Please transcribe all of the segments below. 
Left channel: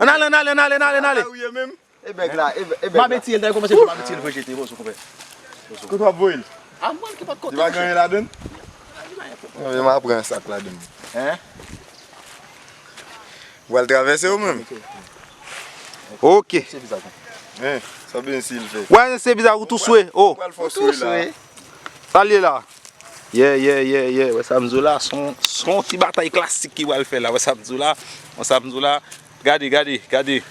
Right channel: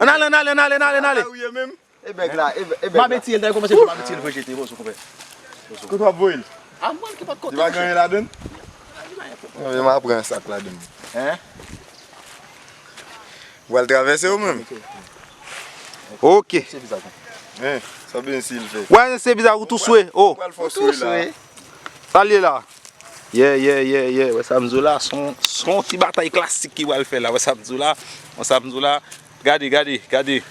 On allez. Eh ben là, Ma bêtise, elle a commencé à ma bêtise, le jeter, vous comprenez? que toi boil. Ah, moi, qui pas de Tu côté. vas gagner là-dedans? Je vais prendre un sac là-dedans. Hein? Vous allez traverser ou même? Ok. Ça bien s'il fait. Ouais, c'est bizarre, vous tous souhait. Oh, Vous allez faire souhait là. salut là. Yeah. Ouais, Samzou là, son petit bataille classique qui va le faire là. Ouais, Samzou là. Regardez.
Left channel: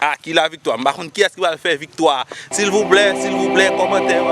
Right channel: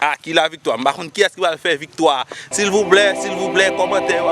Ah, qui la victoire? Par contre, qui est-ce qui va le faire victoire? S'il vous plaît, commentaire.